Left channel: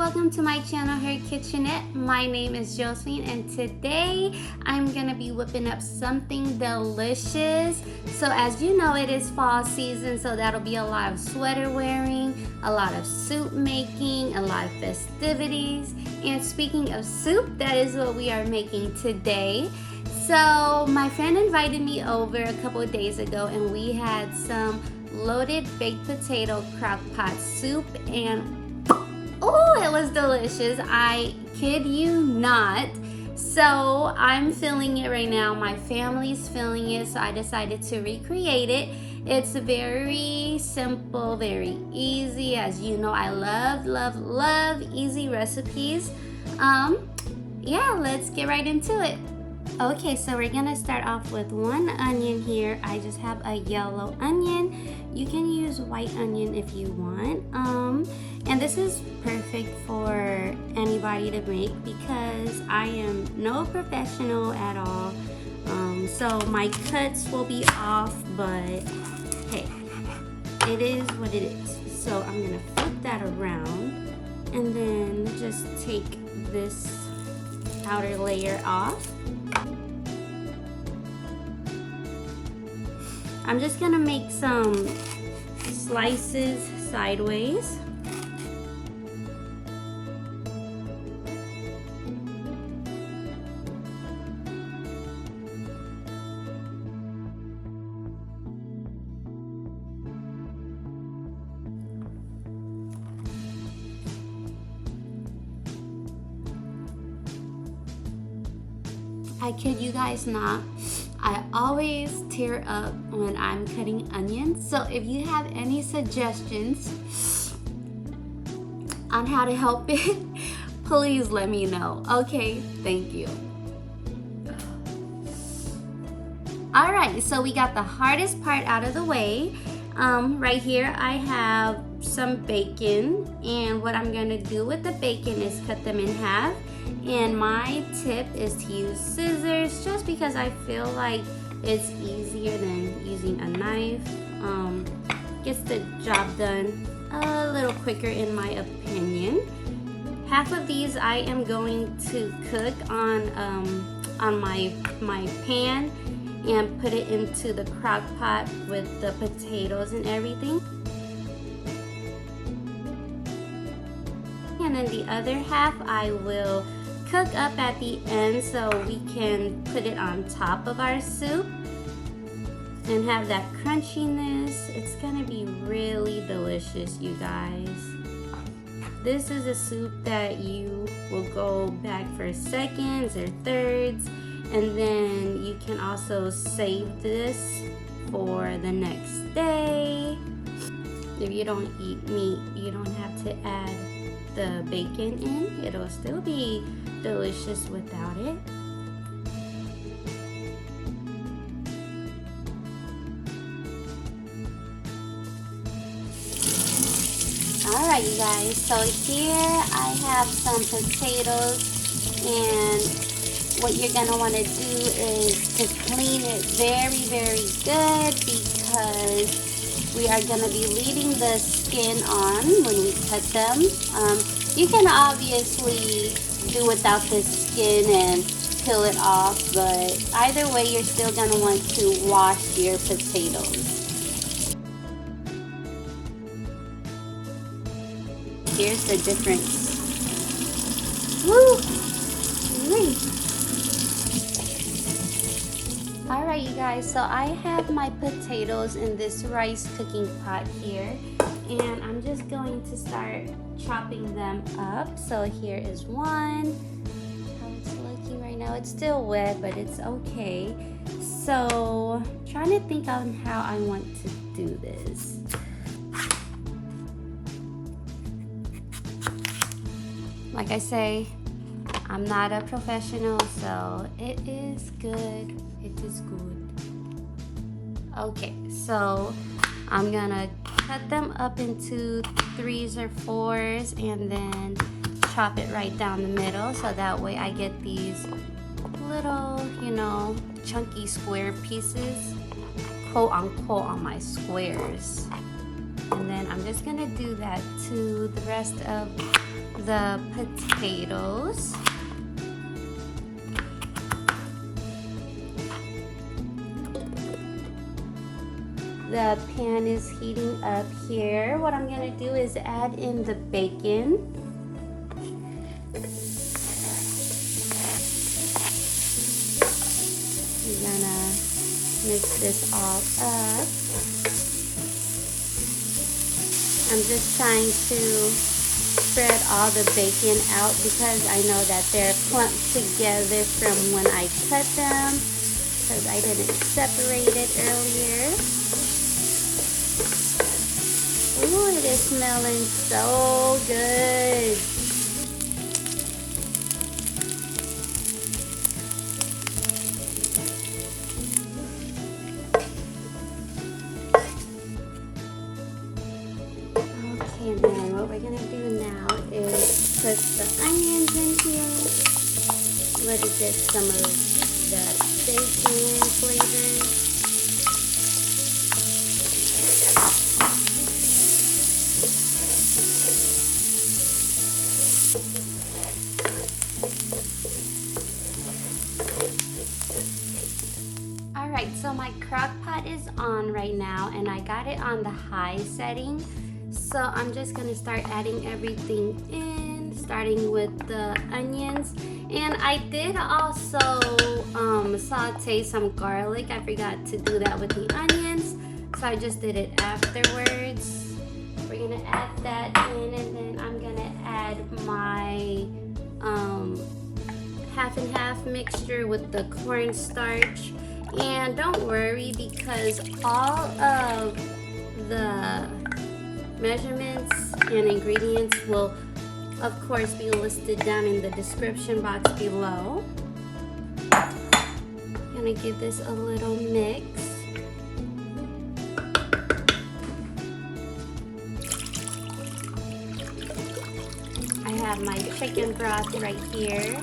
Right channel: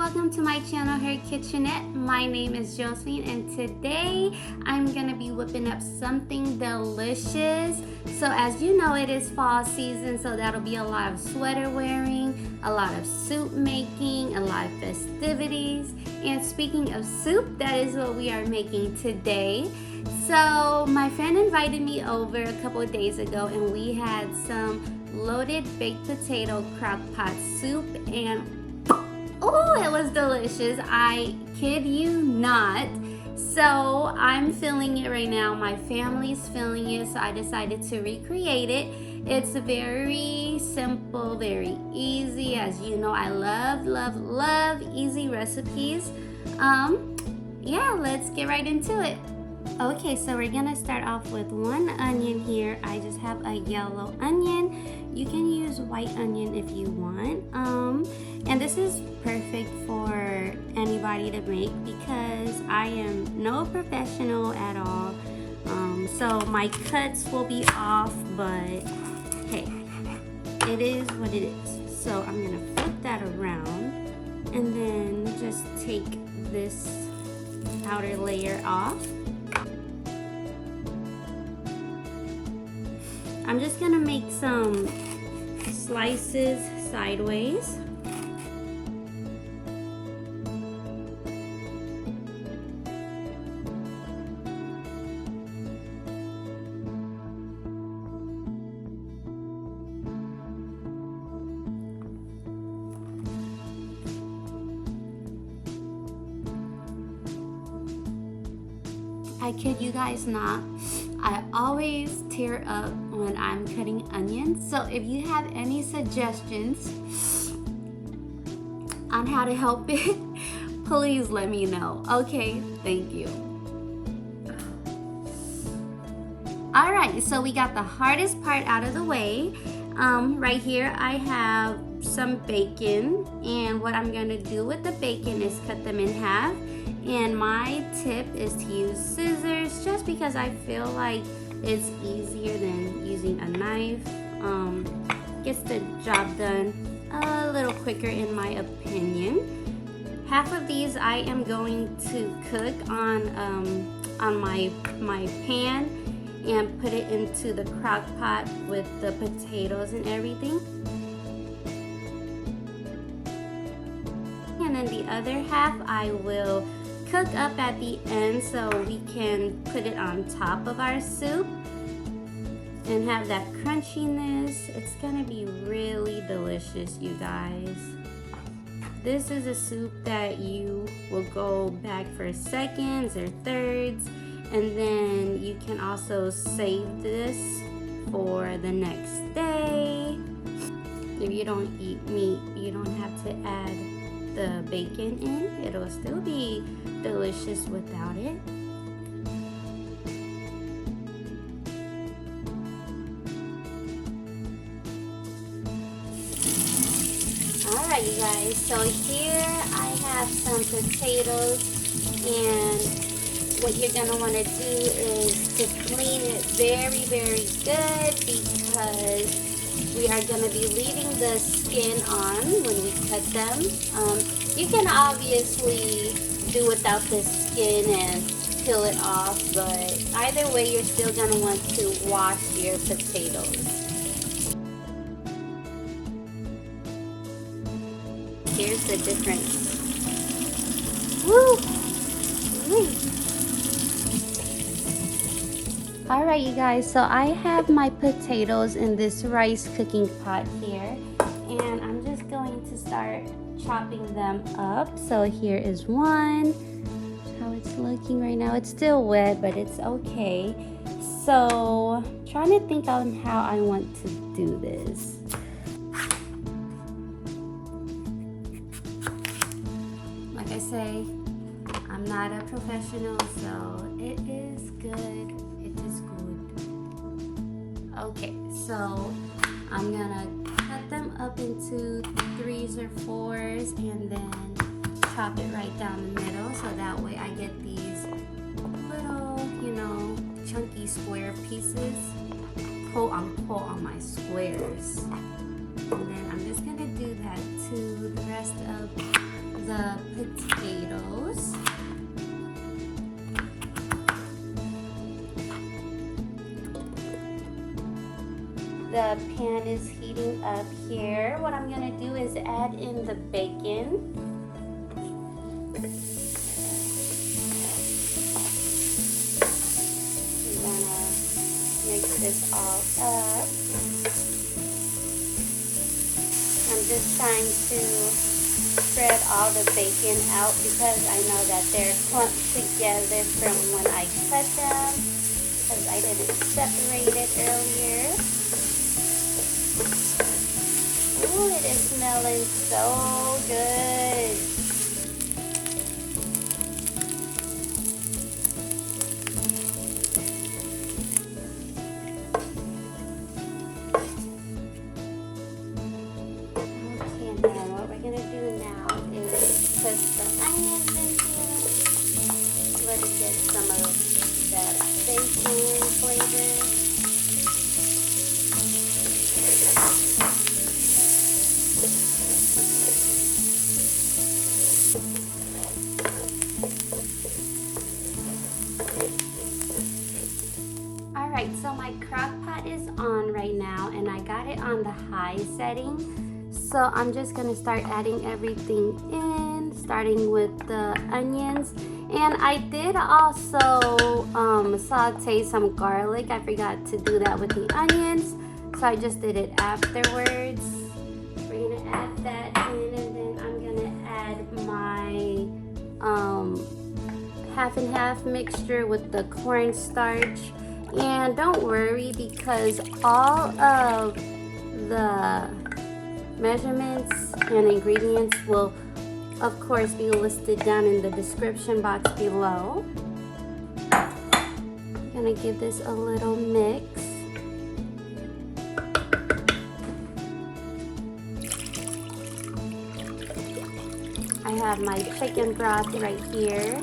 welcome to my channel Herkitchenette. My name is Josephine and today I'm gonna be whipping up something delicious. So as you know, it is fall season, so that'll be a lot of sweater wearing, a lot of soup making, a lot of festivities. And speaking of soup, that is what we are making today. So my friend invited me over a couple of days ago and we had some loaded baked potato crock-pot soup, and oh, it was delicious. I kid you not. So I'm feeling it right now. My family's feeling it, so I decided to recreate it. It's very simple, very easy. As you know, I love easy recipes. Yeah, let's get right into it. Okay, so we're gonna start off with one onion here. I just have a yellow onion. You can use white onion if you want. And this is perfect for anybody to make because I am no professional at all. So my cuts will be off, but hey, it is what it is. So I'm gonna flip that around and then just take this outer layer off. I'm just gonna make some slices sideways. I kid you guys not, I always tear up when I'm cutting onions. So if you have any suggestions on how to help it, please let me know. Okay, thank you. All right, so we got the hardest part out of the way. Right here I have some bacon, and what I'm gonna do with the bacon is cut them in half. And my tip is to use scissors just because I feel like it's easier than using a knife. Gets the job done a little quicker in my opinion. Half of these I am going to cook on my pan and put it into the crock pot with the potatoes and everything. And then the other half I will cook up at the end so we can put it on top of our soup and have that crunchiness. It's gonna be really delicious, you guys. This is a soup that you will go back for seconds or thirds, and then you can also save this for the next day. If you don't eat meat, you don't have to add the bacon in. It'll still be delicious without it. Alright, you guys, so here I have some potatoes, and what you're gonna want to do is to clean it very good because we are going to be leaving the skin on when we cut them. You can obviously do without the skin and peel it off, but either way you're still going to want to wash your potatoes. Here's the difference. Woo! Alright, you guys, so I have my potatoes in this rice cooking pot here, and I'm just going to start chopping them up. So here is one. How it's looking right now. It's still wet, but it's okay. So trying to think on how I want to do this. Like I say, I'm not a professional, so it is good. It is good. Okay, so I'm gonna cut them up into 3s or 4s and then chop it right down the middle, so that way I get these little, you know, chunky square pieces, quote unquote, on my squares. And then I'm just gonna do that to the rest of the potatoes. The pan is heating up here. What I'm gonna do is add in the bacon. We're gonna mix this all up. I'm just trying to spread all the bacon out because I know that they're clumped together from when I cut them because I didn't separate it earlier. Ooh, it is smelling so good. Okay, then what we're gonna do now is put the onions in here. Let it get some of that bacon flavor. Alright, so my crock pot is on right now and I got it on the high setting. So I'm just gonna start adding everything in, starting with the onions. And I did also saute some garlic. I forgot to do that with the onions, so I just did it afterwards. We're gonna add that in, and then I'm gonna add my half and half mixture with the cornstarch. And don't worry, because all of the measurements and ingredients will of course be listed down in the description box below. I'm gonna give this a little mix. I have my chicken broth right here.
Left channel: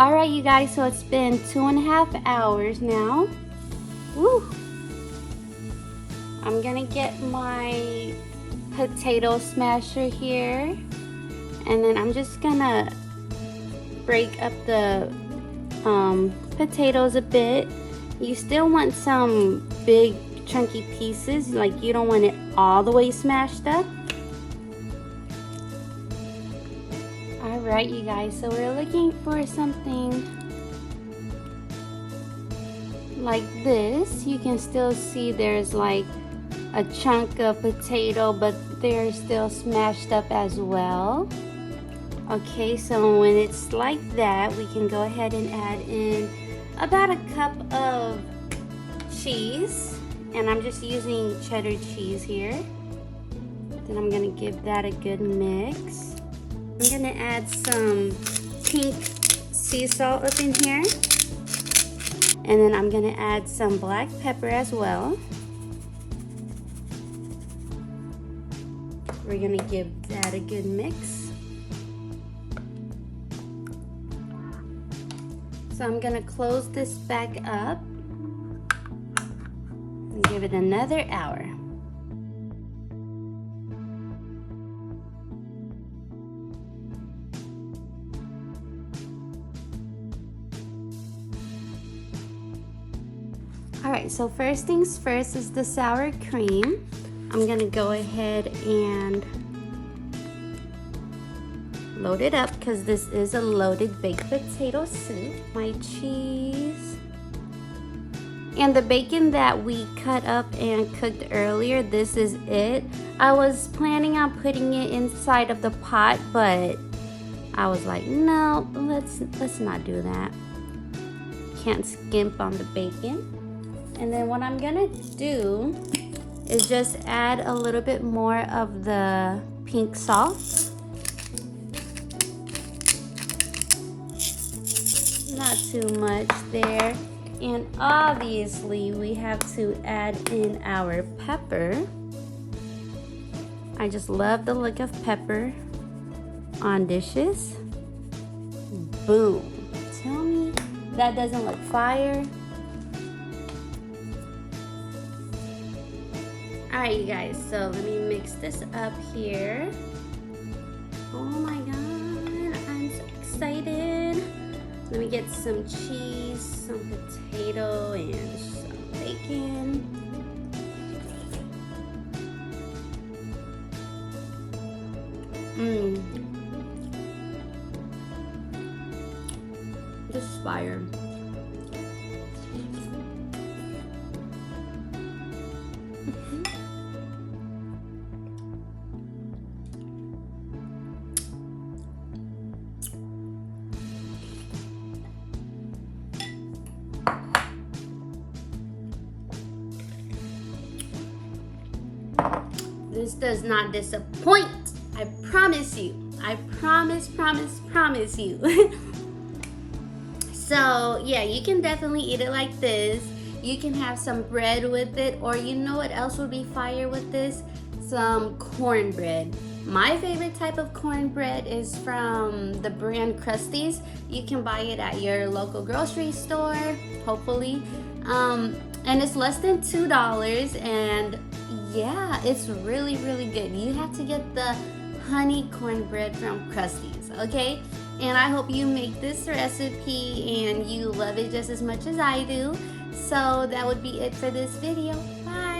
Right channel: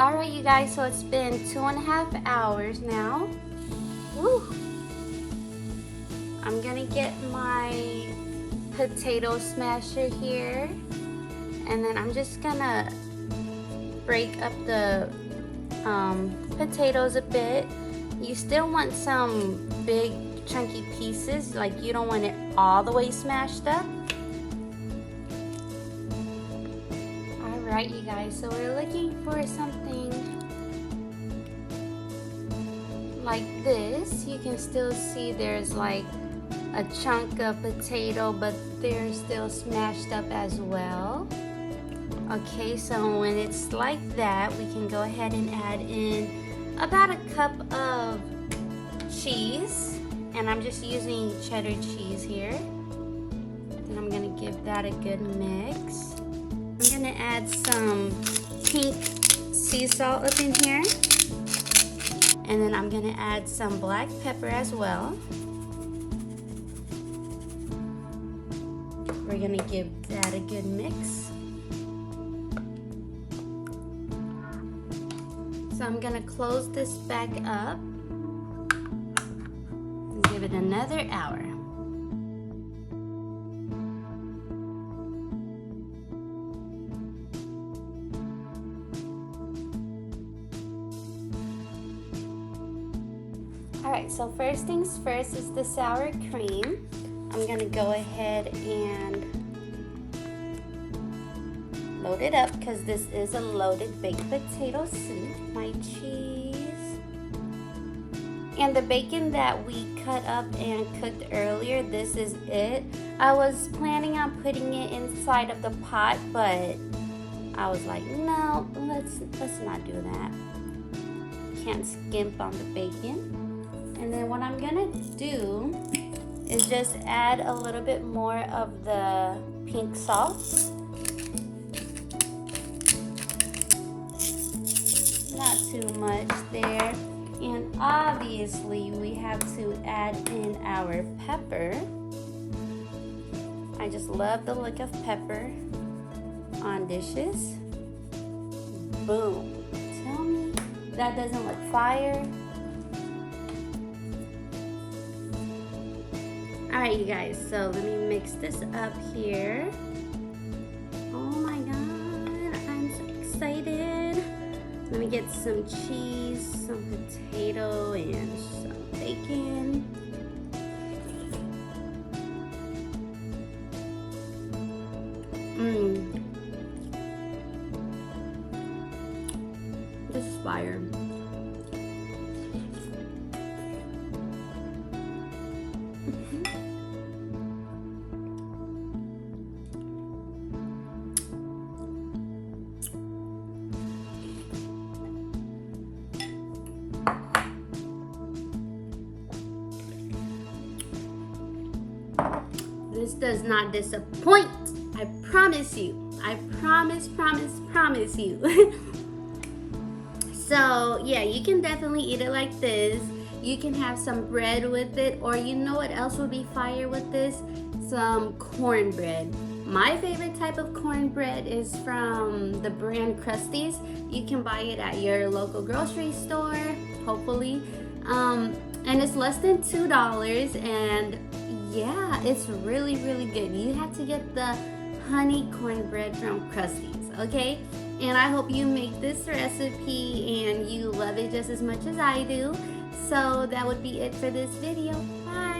Alright you guys, so it's been 2.5 hours now. Woo. I'm gonna get my potato smasher here, and then I'm just gonna break up the potatoes a bit. You still want some big chunky pieces, like you don't want it all the way smashed up. Alright you guys, so we're looking for something like this. You can still see there's like a chunk of potato, but they're still smashed up as well. Okay, so when it's like that, we can go ahead and add in about a cup of cheese, and I'm just using cheddar cheese here. Then I'm gonna give that a good mix. I'm gonna add some pink sea salt up in here, and then I'm gonna add some black pepper as well. We're gonna give that a good mix. So I'm gonna close this back up and give it another hour. Alright, so first things first is the sour cream. I'm gonna go ahead and load it up because this is a loaded baked potato soup. My cheese and the bacon that we cut up and cooked earlier, this is it. I was planning on putting it inside of the pot, but I was like, no, let's not do that. can't skimp on the bacon. And then what I'm gonna do is just add a little bit more of the pink salt. Not too much there. And obviously we have to add in our pepper. I just love the look of pepper on dishes. Boom. Tell me that doesn't look fire. Alright, you guys, so let me mix this up here. Oh my god, I'm so excited. Let me get some cheese, some potato, and some bacon. This is fire. This does not disappoint. I promise you. I promise you. So yeah, you can definitely eat it like this. You can have some bread with it, or you know what else would be fire with this? Some cornbread. My favorite type of cornbread is from the brand Krusty's. You can buy it at your local grocery store, hopefully. And it's less than $2, and yeah, it's really good. You have to get the honey cornbread from Krusty's, okay? And I hope you make this recipe and you love it just as much as I do. So that would be it for this video. Bye.